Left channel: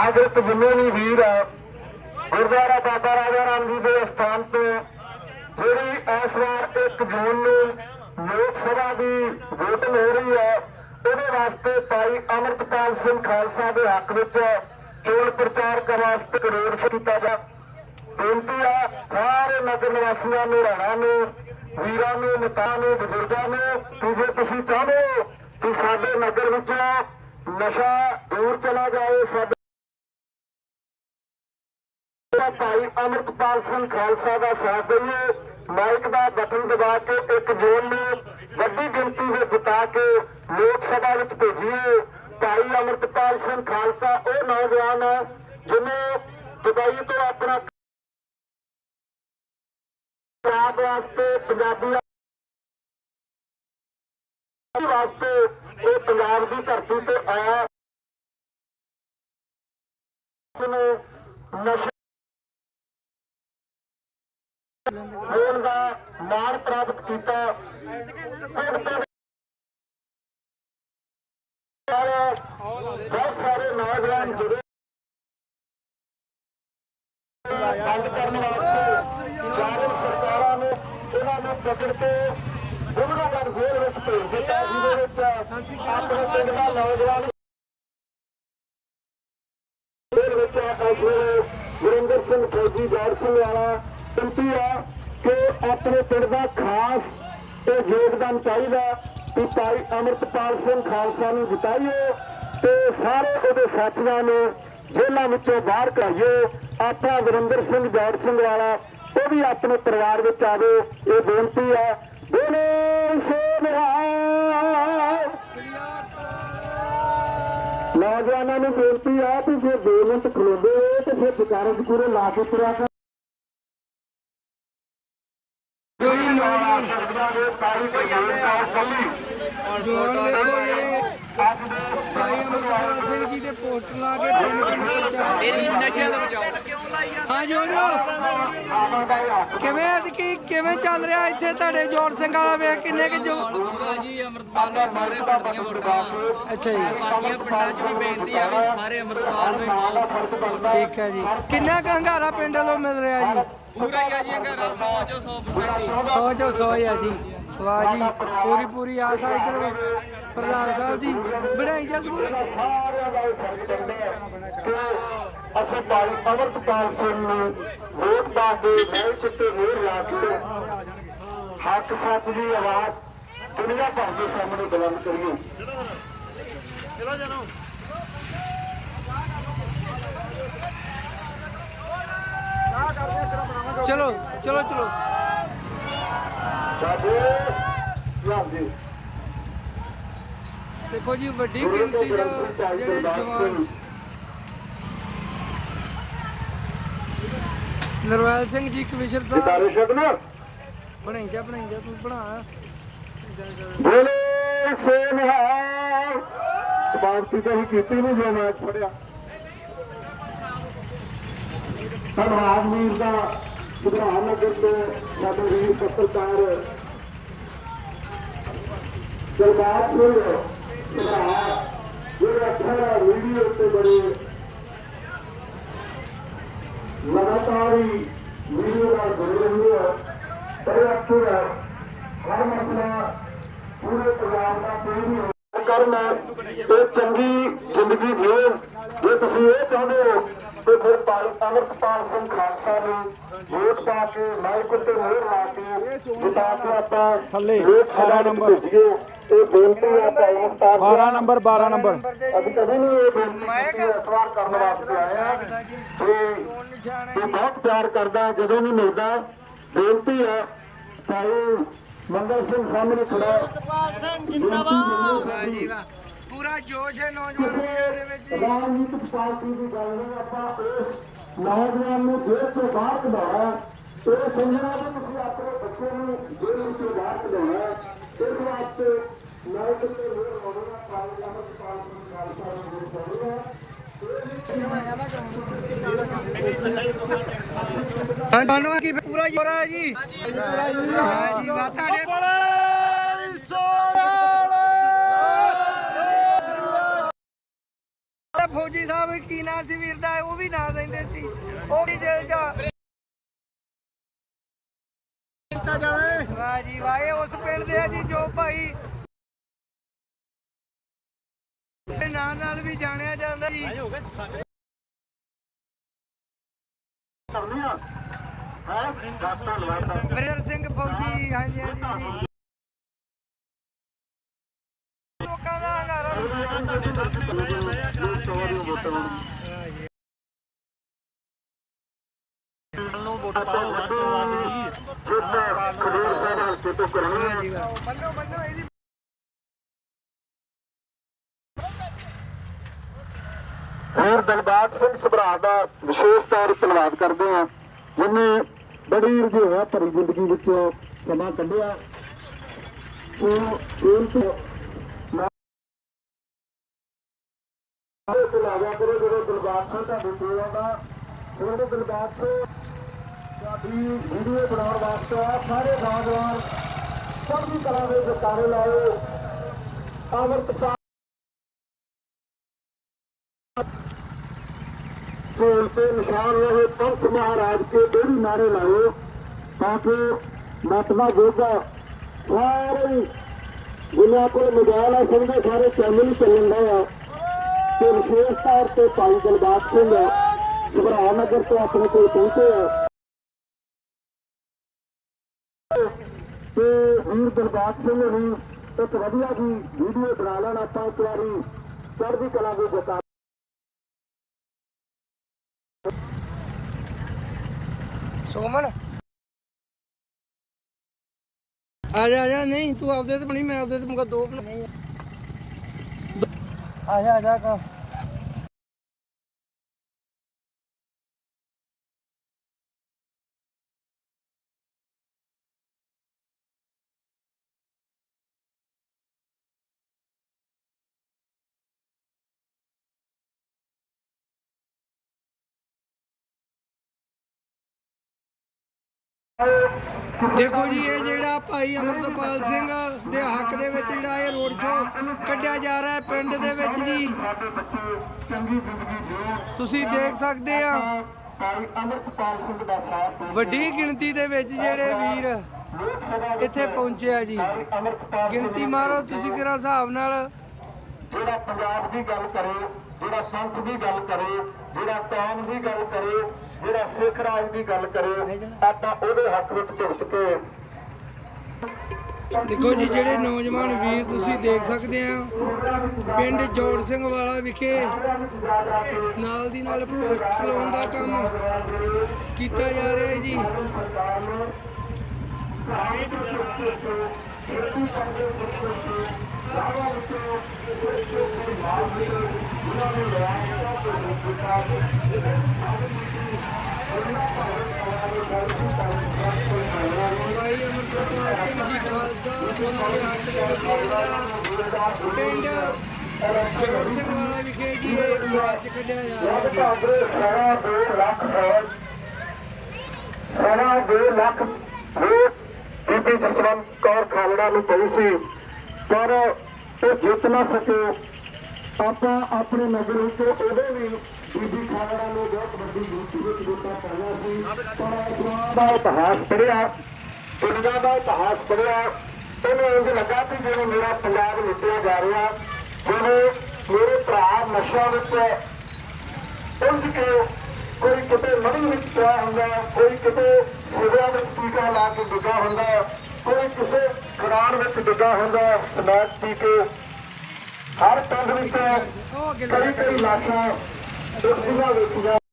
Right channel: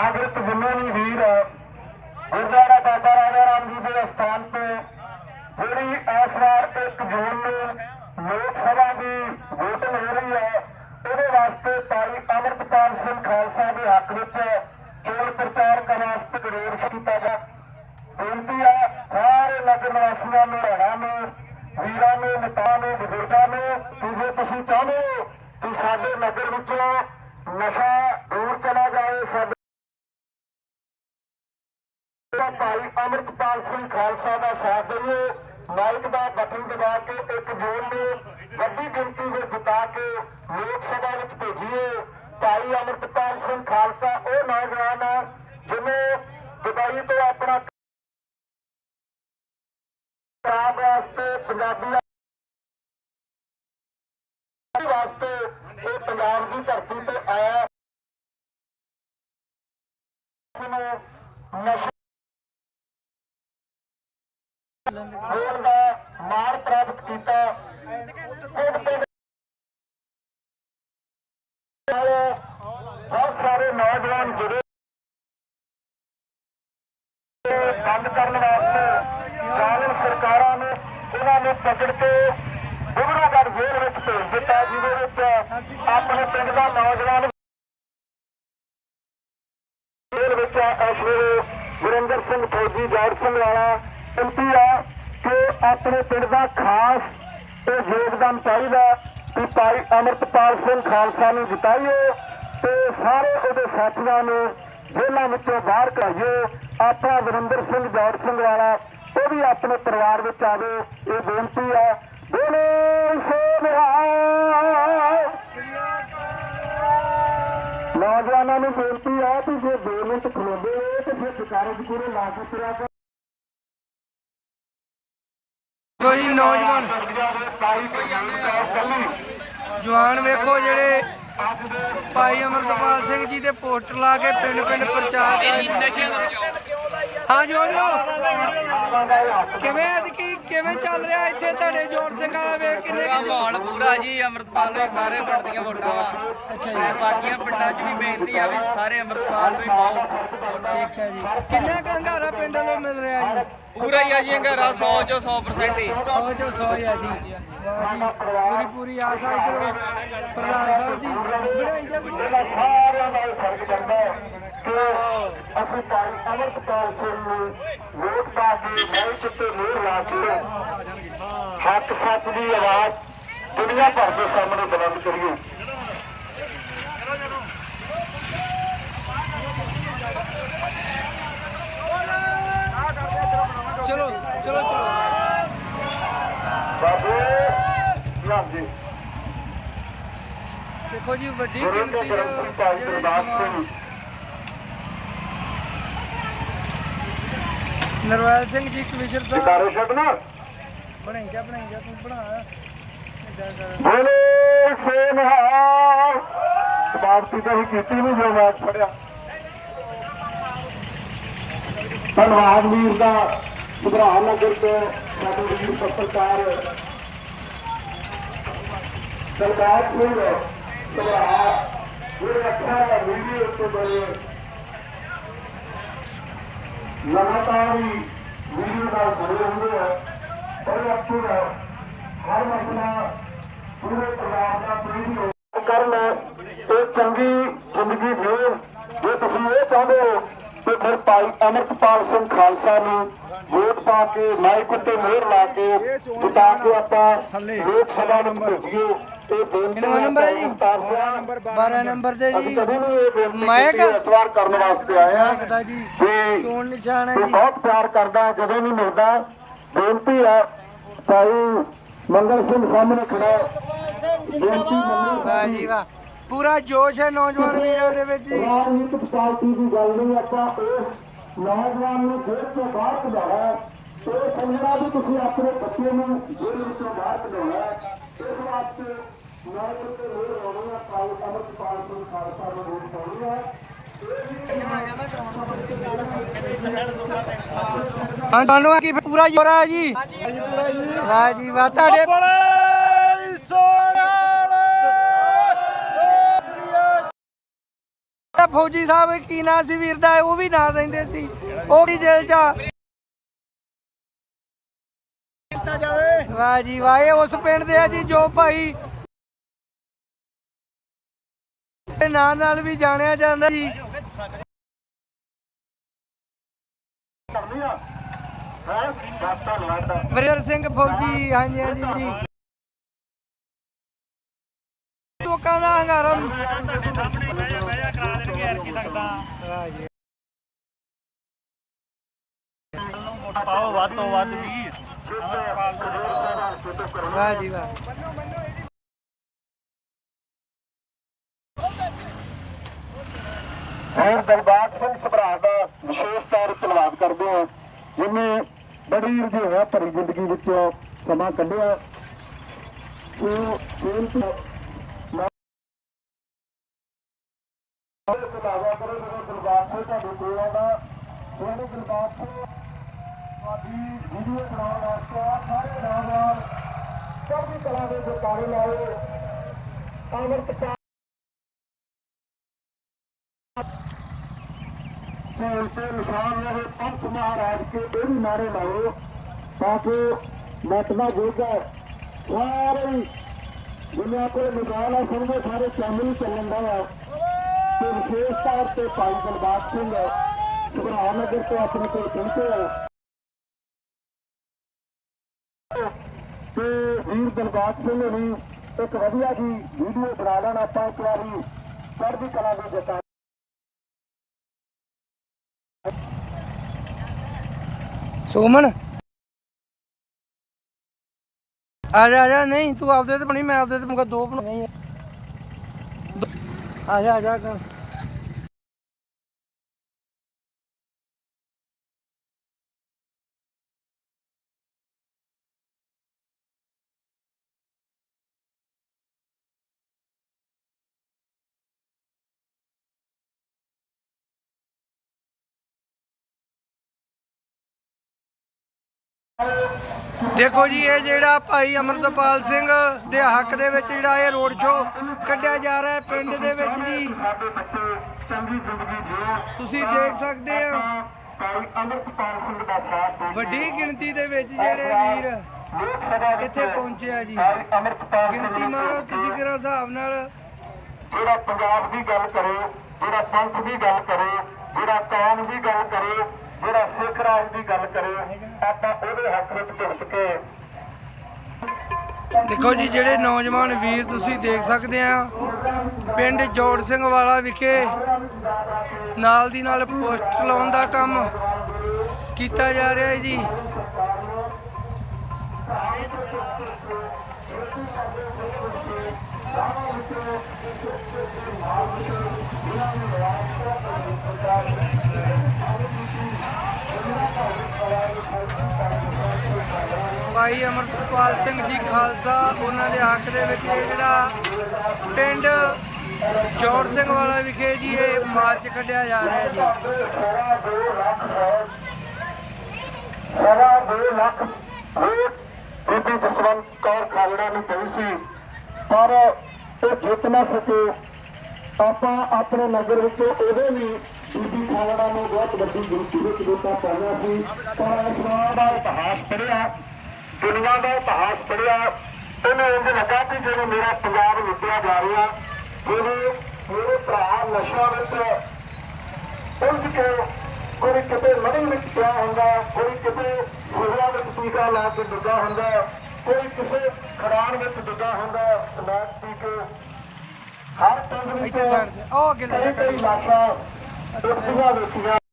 ਨਾਗਰਿਕ ਜਿੰਨੇ ਵੀ ਵੀਰ ਗੁਰਦੁਆਰਾ ਬਾਬਾ ਰਾਜਾ ਰਾਮ ਜੀ ਦੇ ਅਸਥਾਨ ਤੋਂ ਜਿਹੜੀ ਇਸ ਵਾਰ 1 ਜੂਨ ਨੂੰ ਲੋਕ ਸਭਾ ਦੀ ਵੋਟਿੰਗ ਹੋ ਰਹੀ ਹੈ, ਉਹਦੇ ਵਾਸਤੇ ਭਾਈ ਅਮਰਤਪਾਲ ਸਿੰਘ ਖਾਲਸਾ ਦੇ ਹੱਕ ਵਿੱਚ ਚੋਣ ਪ੍ਰਚਾਰ ਕਰਨ ਵਾਸਤੇ ਕਰੋੜ ਕੀਤਾ ਗਿਆ। ਬੇਨਤੀ ਆ, ਸਾਰੇ ਨਗਰ ਨਿਵਾਸੀਆਂ ਨੂੰ ਰਹਿਣਾ ਨੂੰ, ਵੀਰਾਂ ਨੂੰ ਮਤਾਂ ਨੂੰ, ਬਜ਼ੁਰਗਾਂ ਨੂੰ ਕਿ ਜੇ ਤੁਸੀਂ ਚਾਹੁੰਦੇ ਹੋ ਕਿ ਸਾਡੇ ਨਗਰ ਵਿੱਚੋਂ ਨਸ਼ਾ ਦੂਰ ਚਲਾ ਜਾਏ ਸਾਡੇ ਭਾਈ ਅਮਰਤਪਾਲ ਸਿੰਘ ਖਾਲਸਾ ਦਾ ਸਾਥ ਦਈਏ। ਮਾਈਕ ਦਾ ਬਟਨ ਦਬਾ ਕੇ ਇੱਕ ਜੂਨ ਨੂੰ ਵੱਡੀ ਗਿਣਤੀ ਵਿੱਚ ਜਿਤਾ ਕੇ ਲੋਕ ਸਭਾ ਵਿੱਚ ਭੇਜੀਏ। ਭਾਈ ਅਮਰਤਪਾਲ ਸਿੰਘ ਖਾਲਸਾ, ਉਹ ਨੌਜਵਾਨ ਹੈ ਜਿਹਨੇ ਦੁਬਈ ਤੋਂ ਆਪਣਾ ਪੰਜਾਬ ਵਾਸਤੇ, ਪੰਜਾਬੀ ਵਾਸਤੇ ਇਹ ਪੰਜਾਬ ਦੀ ਧਰਤੀ ਤੇ ਆਇਆ। ਨੂੰ ਨਸ਼ਾ ਹੋਣ ਦਾ ਮਾਣ ਪ੍ਰਾਪਤ ਕੀਤਾ। ਬਹੁਤ ਸਾਰੇ ਨੌਜਵਾਨ ਜੁੜੇ ਬੰਦ ਕਰਨ ਵਾਸਤੇ ਜ਼ਾਲਮ ਸਰਕਾਰਾਂ ਨੇ, ਉਹਨਾਂ ਨੂੰ ਪਕੜ ਕੇ ਗੁਰੂ ਜੇਲ੍ਹ ਵਿੱਚ ਭੇਜ ਦਿੱਤਾ, ਜਿਹਦੇ ਵਿੱਚ ਆਪਣੇ ਪਿੰਡ ਦਾ ਨੌਜਵਾਨ ਜੇਲ੍ਹ ਵਿੱਚ ਇਸ ਵੇਲੇ ਗੁਰਿੰਦਰ ਸਿੰਘ ਫੌਜੀ ਜੋੜ ਸਿੰਘ ਵਾਲਾ ਬੇਨਤੀ ਆ ਕਿ ਆਪਣੇ ਪਿੰਡ ਦਾ ਖਾਸ ਇਹ ਯੋਗਦਾਨ ਚਾਹੀਦਾ ਕਿ ਭਾਈ ਅਮਰਤਪਾਲ ਸਿੰਘ ਖਾਲਸਾ ਨੂੰ ਜਿਤਾਈਏ ਤੇ ਸਾਰੇ ਉਹਦੇ ਸਾਥੀਆਂ ਨੂੰ ਜੇਲ੍ਹਾਂ ਵਿੱਚੋਂ ਬਾਹਰ ਕਢਾਈਏ ਆਪਣਾ ਗੁਰਿੰਦਰ ਸਿੰਘ ਜੋੜ ਸਿੰਘ ਵਾਲਾ, ਉਹ ਵੀ ਆਪਣੇ ਪਰਿਵਾਰ ਵਿੱਚ ਆਵੇ, ਇਹ ਬੇਨਤੀ ਹੈ। ਬੋਲੇ ਨੌਜਵਾਨਾਂ ਨੂੰ ਬੇਨਤੀ ਹੈ ਕਿ ਜੇ 2 ਮਿੰਟ ਖਲੋਦੇ ਤੇ ਫਿਰ ਵਿਚਾਰੇ ਚ ਪੂਰੇ ਲਾ ਕੇ ਤੁਰਿਆ ਕੋਈ ਨੌਜਵਾਨ ਦੇ ਜਵਾਨ ਵੇਖੋ ਜਿਹੜੇ ਭਾਈ ਅਮਰਪਾਲ ਸਿੰਘ ਜੀ ਦੇ ਪੋਸਟਰ ਲਾ ਕੇ ਪਿੰਡ ਪਿੰਡ ਪ੍ਰਚਾਰ ਕਰ। ਨਸ਼ਿਆਂ ਤੋਂ ਬਚਾਓ। ਹਾਂ ਜੋ ਜੋ। ਕਿਵੇਂ ਅਦਕੀ ਕਿਵੇਂ ਚੱਲ ਰਿਹਾ ਇੱਥੇ ਤੁਹਾਡੇ ਜੋੜ ਸਿੰਘ ਵਾਲਾ ਵੇਖ ਕਿੰਨੇ ਕਿ ਮਾਹੌਲ ਪੂਰਾ ਜੀ ਅਮਰਤਪਾਲ ਨੂੰ ਸਾਰੇ ਪਿੰਡ ਦੀਆਂ ਵੋਟਾਂ ਅੱਛਾ ਜੀ। ਬਾਕੀਆਂ ਪਿੰਡਾਂ 'ਚ ਵੀ ਬੇਨਤੀ ਆ ਵੀ ਸਾਰੇ ਅਮਰਤਪਾਲ ਨੂੰ ਹੀ ਪਾਓ। ਠੀਕ ਹੈ ਜੀ। ਕਿੰਨਾ ਕੁ ਹੰਗਾਰਾ ਪਿੰਡ ਵੱਲੋਂ ਮਿਲ ਰਿਹਾ ਜੀ? ਪੂਰਾ ਹੀ ਆ ਜੀ ਅੰਗਾਰਾ 100 ਚੋਂ 100% ਹੀ। 100 ਚੋਂ 100 ਹੀ ਆ ਜੀ। ਵਾਹ ਜੀ ਪੂਰੀ ਪੂਰੀ ਆਸ ਆ ਇੱਧਰ ਪ੍ਰਧਾਨ ਸਾਹਿਬ ਜੀ। ਬਣਾਈ ਜਾ ਸਕੂਲ? ਸਾਰਿਆਂ ਦਾ ਫਰਜ਼ ਪੈਂਦਾ ਕਿ ਅਸੀਂ ਭਾਈ ਅਮਰਤਪਾਲ ਸਿੰਘ ਨੂੰ ਵੋਟ ਪਾ ਕੇ ਮਾਈਕ ਉੱਤੇ ਮੋਹਰ ਲਾ ਕੇ ਹੱਕ ਸੱਚ ਦੀ ਆਵਾਜ਼ ਦੁਨੀਆ ਭਰ ਦੇ ਸਾਹਮਣੇ ਬੁਲੰਦ ਕਰੀਏ। ਚਲੋ ਚਲੋ ਚਲੋ ਬਾਬੂ ਹਾਂਜੀ ਦੇਖੋ ਜੀ ਵੱਡੀ ਗਿਣਤੀ ਦੇ ਜਿਹੜੇ ਜਵਾਨ ਨਰਵੈਲ ਸਿੰਘ ਜੀ ਕਮਿਸ਼ਨਰ ਸਾਹਿਬ। ਜਕਾਰੇ ਛੱਡਣਾ? ਬਣਾਈ ਜਾ ਬਣਾਈ ਜਾ ਤੂੰ ਬਣਾ। ਬੋਲੇ ਸੋ ਨਿਹਾਲ ਸਮਾਪਤੀ ਤਾਂ ਹੀ ਕੀਤੀ ਨਹੀਂ ਜੋ ਮੈਚ ਫੜਿਆ ਧੰਨਵਾਦ ਵੀਰ ਦਾ। ਸੁਭਾਅ ਨਗਰ ਤੋਂ ਸਾਡੇ ਵੀਰ ਪੱਤਰਕਾਰ ਸਰਦਾਰ ਸਿੰਘ ਸੁਭਾਅ ਜਿਹੜੇ ਅੱਖਾਂ ਵੀਡੀਓ ਉੱਤੇ ਬੜੇ ਲਗਾਤਾਰ ਹੀ ਵੀਡੀਓ ਨਾਲ ਜੁੜੇ ਹੁੰਦੇ ਆ। ਬੜੇ ਅੱਛੇ ਹੈ ਹਰ ਮਸਲਾ ਪੂਰੇ ਪੰਜਾਬ ਦਾ ਕੋਈ ਵੀ ਕਰਨਾ ਚੰਗੀ ਜ਼ਿੰਦਗੀ ਜੀਣ ਜੇ ਤੁਸੀਂ ਇਹ ਚਾਹੁੰਦੇ ਹੋ ਤੇ ਫਿਰ ਭਾਈ ਅਮਰਤਪਾਲ ਸਿੰਘ ਖਾਲਸਾ ਨੂੰ ਵੋਟ ਪਾ ਕੇ ਮਾਈਕ ਉੱਤੇ ਮੋਹਰ ਲਾ ਕੇ ਜਿਤਾ ਕੇ ਆਪਾਂ ਥੱਲੇ 12 ਨੰਬਰ। ਭੇਜੀਏ। ਇਹ ਬੇਨਤੀ ਹੈ ਨੰਬਰ ਹੈ ਜੀ? 12 ਨੰਬਰ 12 ਨੰਬਰ। ਅਸੀਂ ਕਦੇ ਨਹੀਂ ਇਹ ਬੇਨਤੀ ਮਾਇਕ? ਕੀਤੀ ਇਸ ਵਾਰ ਕਰਨ ਵਾਸਤੇ ਨਿਸ਼ਾਨ ਹੈ। ਤੂੰ ਜੀ। ਬਹੁਤ ਪਿਆਰ ਕਰਦਾ ਜਦੋਂ ਵੀ ਮਿਲਦਾ ਬੇਨਤੀ ਹੈ ਭਾਈ ਮੰਗਲ ਸਿੰਘ ਸਾਹਮਣੇ ਖੜਾ ਹੈ। ਸਿੰਘ ਜਿੰਦਾਬਾਦ। ਵਾਹ ਜੀ। ਵਾਹ। ਪੂਰਾ ਜੋਸ਼ ਹੈ ਨੌਜਵਾਨ ਵੀਰਾਂ ਦੇ ਵਿੱਚ ਜੀ ਰਾਜਨੀਤਿਕ ਪਾਰਟੀ ਦੀ ਗੱਲ ਨਹੀਂ ਆਪਾਂ ਉਸ ਨੌਜਵਾਨ ਨੂੰ ਜੇਲ੍ਹ ਤੋਂ ਬਾਹਰ ਕਢਾਉਣਾ ਹੈ। ਇਹ ਸਮਝਣਾ ਵੀ ਤੁਸੀਂ ਆਪਣੇ ਬੱਚੇ ਨੂੰ ਜੇਲ੍ਹ ਵਿੱਚੋਂ ਬਾਹਰ ਕਢਾਉਣਾ ਹੈ। ਇਸ ਵਾਸਤੇ ਨਾਇਕ ਤੇ ਮੇਰ ਹੋਣੀ ਹੈ ਪ੍ਰਾਈਵੇਟ ਅਮਰਪਾਲ ਸਿੰਘ ਖਾਲਸਾ ਨੂੰ ਵੋਟ ਪਾਉਣੀ ਹੈ ਹਾਂ ਤੁਹਾਨੂੰ ਕੀ ਪੂਰਾ ਜੋਰ ਹੈ ਜੀ ਵਾਹ ਜੀ ਵਾਹ ਤੁਹਾਡੇ ਫੌਜੀ ਸਾਹਿਬ ਕੀ ਨਾਂ ਸੀ ਵੀਰ ਦਾ ਉਹ ਵੀ ਨਾਲ ਰਹਿੰਦੇ ਸੀ। ਉਹ ਵੀ ਜੇਲ੍ਹ ਚ ਆ। ਵਾਹ ਜੀ ਵਾਹ ਇਹ ਉਸ ਪਿੰਡ ਦੇ ਆ ਜੀ ਜੋ ਭਾਈ ਦੇ ਨਾਂ ਨਾਲ ਵੀ ਜਾਣਿਆ ਜਾਂਦਾ ਜੀ। ਵਰਿੰਦਰ ਸਿੰਘ ਫੌਜੀ ਹਾਂਜੀ ਹਾਂਜੀ ਜੀ ਲੋਕਾਂ ਦਾ ਹੰਗਾਰਾ ਵਾਹ ਜੀ ਨੂੰ ਵੋਟ ਪਾਓ ਵੱਧ ਤੋਂ ਵੱਧ ਜੀ ਅਮਰਪਾਲ ਨੂੰ ਜਿਤਾਓ ਵਾਹ ਜੀ ਵਾਹ ਹੋਰ ਦਿਲਬਾਗ ਸਿੰਘ ਸਭਰਾ ਦਾ ਵਿਸ਼ੇਸ਼ ਤੌਰ ਤੇ ਧੰਨਵਾਦ ਕਰਦੇ ਹਾਂ। ਜਿਨੇ ਬੜੀ ਰੁਝੇਵਾ ਭਰੀ ਜ਼ਿੰਦਗੀ ਵਿੱਚੋਂ ਸਮਾਂ ਕੱਢਿਆ, ਉਹ ਖੇਲ ਤੋਂ ਕਰੋ ਜਦੋਂ ਦਿਲਬਾਗ ਸਿੰਘ ਤੁਹਾਡੇ ਕੋਲ ਆਉਂਦਾ। ਉਹਦੇ ਦਿਲਬਾਗ ਸਿੰਘ ਤੁਹਾਡੀ ਵੀਡੀਓ ਬਣਾਉਣ ਵਾਸਤੇ ਸਾਰੇ ਨੌਜਵਾਨ ਚੜ੍ਹਦੀ ਕਲਾ ਦੇ ਜਕਾਰੇ ਲਾਓ। ਅਮਰਪਾਲ ਢੋਲ ਤੇ ਨਿਸ਼ਾਨ ਰਹੇ ਪੰਥ ਮਹਾਰਾਜ ਕੇ ਬੇੜੀ ਨਾਰੇ ਲਾਓ ਤਾਂ ਕਿ ਮਤਨਾ ਗੋਗਾ ਸਾਰੇ ਦੁਨੀਆ ਕੋਲ ਮੋਬਾਈਲ ਹੈ ਸਮਝੇ ਸਾਰੇ ਚੈਨਲ ਚੱਲਣ ਦਾ ਆ। ਤੇ ਵਿਸ਼ੇਸ਼ ਤੌਰ ਤੇ ਭਾਈ ਦਿਲਬਾਗ ਸਿੰਘ ਸਭਰਾ ਨਗਰ ਤੋਂ ਆਪਣੇ ਕੋਲ ਪਹੁੰਚੇ ਆ। ਤੇ ਵੀਰ ਦਿਲਬਾਗ ਸਿੰਘ ਨੂੰ ਇੱਕ ਵਧੀਆ ਜੀ ਵੀਡੀਓ ਬਣਾ ਲੈਣ, ਆਪਾਂ ਇੱਕ ਵਾਰੀ ਚੜ੍ਹਦੀ ਕਲਾ ਦੇ ਜਤਾ ਸੁਮਨ? ਆ ਜਾ ਆ ਜਾ, ਨਹੀਂ, ਤੂੰ ਆਪਦੇ ਤੇ ਬਣੀ, ਮੈਂ ਆਪਦੇ ਤੇ ਮੁਕਾ ਦੋ ਬਣਾਈ ਆ ਜਾ ਆ ਜਾ ਕਾ। ਦੇਖੋ ਜੀ, ਇਹ ਜਿਹੜਾ ਭਾਈ ਅਮਰਤਪਾਲ ਸਿੰਘ ਦੇ ਹੱਕ ਦੇ ਵਿੱਚ ਜਿਹੜਾ ਇਹ ਰੋਡ ਸ਼ੋਅ ਕੱਢਿਆ ਜਾ ਰਿਹਾ ਹੈ ਪਿੰਡ ਦੇ ਵਿੱਚ ਜੀ। ਤੁਸੀਂ ਦੇਖ ਸਕਦੇ ਆ। ਵੱਡੀ ਗਿਣਤੀ ਦੇ ਵਿੱਚ ਜਿਹੜੇ ਵੀਰ ਲੋਕ ਸਭਾ ਇੱਥੇ ਪਹੁੰਚੇ ਆ ਜੀ। ਗਿਣਤੀ ਮਾਰੋ ਤੁਸੀਂ ਕਿਹੜਾ ਹਿਸਾਬ ਨਾਲ। ਜਿਹੜਾ ਪੰਜਾਬ ਦੀ ਗੱਲ ਕਰੇ, ਜਿਹੜਾ ਪੰਥ ਦੀ ਗੱਲ ਕਰੇ, ਜਿਹੜਾ ਕੌਮ ਦੀ ਗੱਲ ਕਰੇ ਜਿਹੜਾ ਸਿੱਖ ਰਾਜ ਦੀ ਗੱਲ ਕਰੇ ਆਪਾਂ ਉਹਦੇ ਹੱਕ ਵਿੱਚ ਝੁਕ ਕੇ ਦੇਖੋ ਜੀ, ਜਿਹੜੇ ਨੌਜਵਾਨ ਵੀਰ ਤੁਸੀਂ ਦੇਖ ਸਕਦੇ ਆ, ਪਿੰਡ ਜੋੜ ਸਿੰਘ ਵਾਲਾ ਵਿਖੇ ਨਾਲ ਦੀ ਨਾਲ ਪੋਸਟ ਲਾਉਣ ਦਾ ਕੰਮ ਕੀਤਾ ਜਾ ਰਿਹਾ ਹੈ ਜੀ। ਭਾਈ ਅਮਰਪਾਲ ਸਿੰਘ ਜੀ ਖਾਲਸਾ, ਉਹਨਾਂ ਦੇ ਹੱਕ ਦੇ ਵਿੱਚ ਇਹ ਜਿਹੜਾ ਪਿੰਡ ਜੋੜ ਸਿੰਘ ਵਾਲਾ ਵਿਖੇ ਜੀ ਇਹ ਮਾਰਚ ਕੱਢਿਆ ਜਾ ਰਿਹਾ ਜੀ। ਸਵਾ ਦੋ ਲੱਖ ਬੀਬੀ ਜਸਵੰਤ ਕੌਰ ਖਾਲੜਾ ਨੂੰ ਪਈ ਸੀ। ਪਰ ਉਹ ਜਿੱਤ ਨਾ ਸਕੇ। ਆਪਾਂ ਆਪਣੇ ਨਗਰ ਵਿੱਚ ਉਹਦੇ ਵੀ ਬੀਬੀ ਖਾਲੜਾ ਨੂੰ ਬਹੁਤ ਵੱਡੀ ਗਿਣਤੀ ਵਿੱਚ ਵੋਟਾਂ ਪਾਈਆਂ ਸੀ। ਪਰ ਇਤਿਹਾਸ ਪੜ੍ਹਿਆ। ਦੁਨੀਆ ਦਾ ਇਤਿਹਾਸ ਪੜ੍ਹਿਆ ਉਹਨੂੰ ਇੰਝ ਲੱਗਾ ਕਿ ਜਿਵੇਂ ਮੇਰਾ ਪੰਜਾਬ ਲੁੱਟਿਆ ਜਾ ਰਿਹਾ ਜਿਵੇਂ ਮੇਰੇ ਭਰਾ ਨਸ਼ਿਆਂ ਵਿੱਚ ਪੁੰਜ ਕੇ ਕੋਈ ਕਿਤੇ ਮੜੀ ਵਿੱਚ ਪਿਆ ਹੁੰਦਾ ਕੋਈ ਕਿਤੇ ਸਿਵਿਆਂ ਵਿੱਚ ਟੀਕਾ ਲਾ ਕੇ ਡਿੱਗਾ ਹੁੰਦਾ ਕੋਈ ਕਿਸੇ ਖੜਾਣ ਵਿੱਚ ਡਿੱਗਾ ਹੁੰਦਾ ਸਮੈਕ ਪੀ ਕੇ ਹਰ ਪਿੰਡ ਵਿੱਚ ਉਹ ਲੈ ਕਈ ਲਾਸ਼ਾਂ ਉਸਦੀਆਂ ਵੇਚੀਆਂ